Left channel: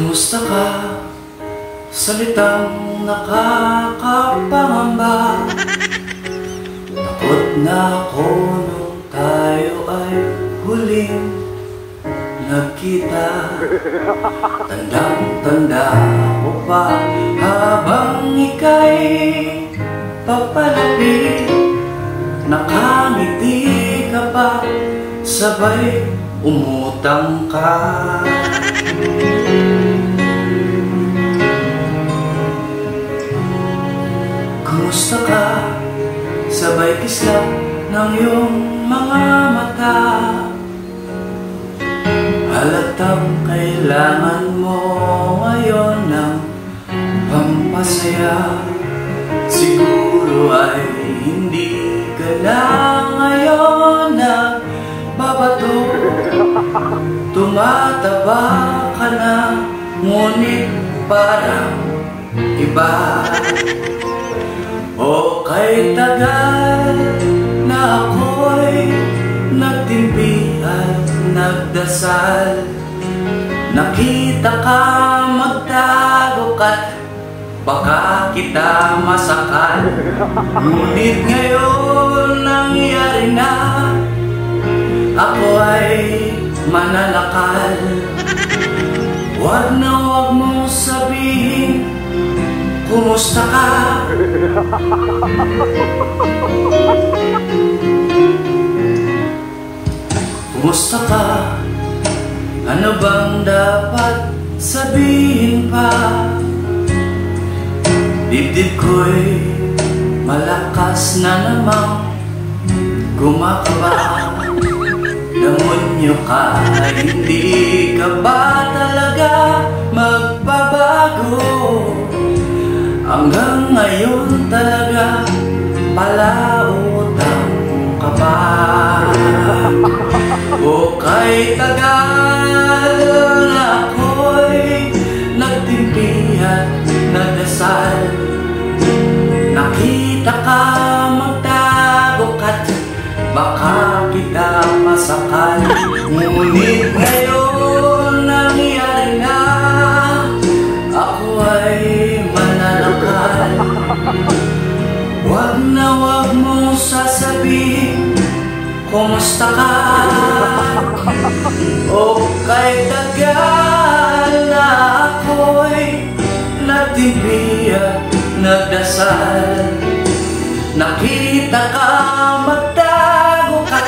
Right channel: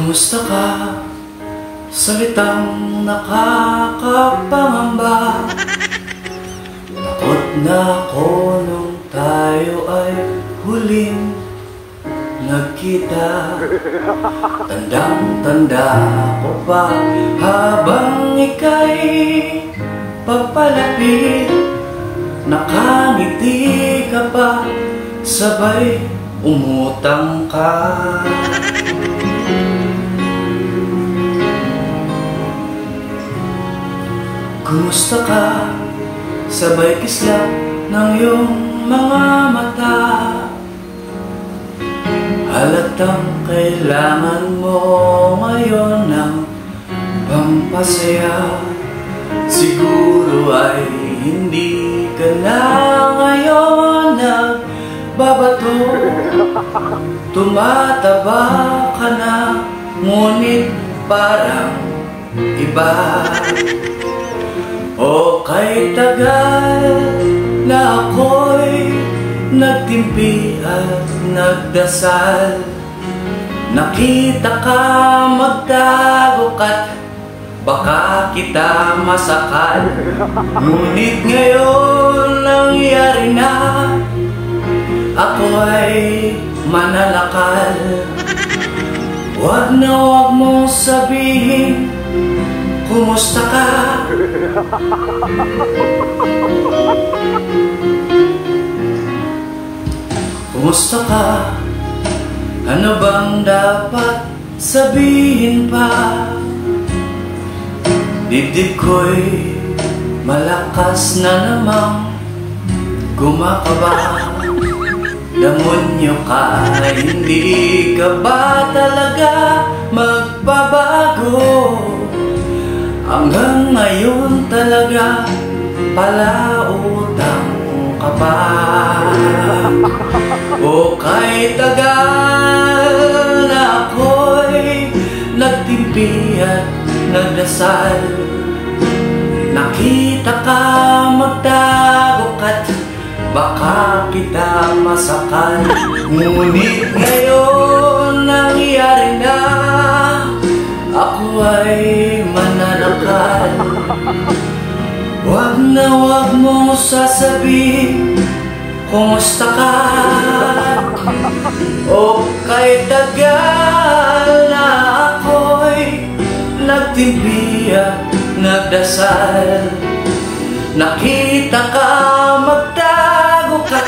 Kumusta ka? Salitang nakakapangamba. Takot na ako nung tayo ay huling nagkita. Tandang-tanda ko pa habang ika'y papalapit. Nakangiti ka pa, sabay umutang ka. Kumusta ka? Sabay kislap ng iyong mga mata. Halatang kailangan mo ngayon ng pampasaya. Siguro ay hindi ka na ngayon nagbabato. Tumataba ka na, ngunit parang iba. O kay tagal na ako'y nagtimpi at nagdasal. Nakita ka, magtago ka't baka kita masakal. Ngunit ngayon nangyari na, ako ay mananakal. Wag na wag mong sabihin, kumusta ka? Kumusta ka? Ano bang dapat sabihin pa? Dibdib ko'y malakas na namang kumakaba. Demonyo ka, hindi ka ba talaga magbabago? Hanggang ngayon talaga palautang ka pa. O kay tagal na ako'y nagtimpi at nagdasal. Nakita ka, magtago ka't baka kita masakal. Ngunit ngayon nangyari na, ako ay mananakal. Wag na wag mo sasabihin, kumusta ka? O kay tagal na ako'y nagtimpi at nagdasal. Nakita ka, magtago ka,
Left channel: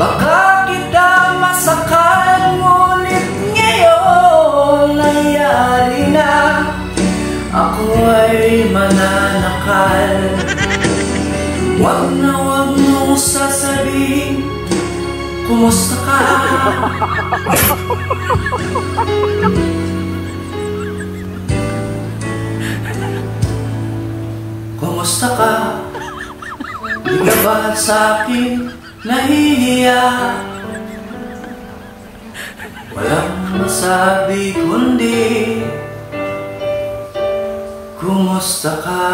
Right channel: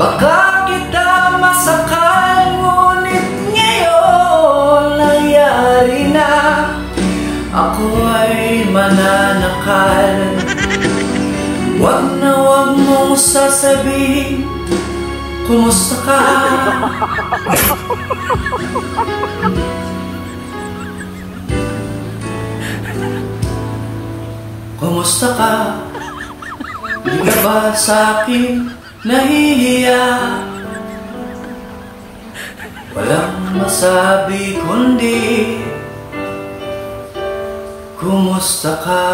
baka kita masakal. Ngunit ngayon nangyari na, ako ay mananakal. Wag na wag mong sasabihin, kumusta ka? Kumusta ka? Di ka ba sa'kin nahihiya? Walang masabi kundi kumusta ka?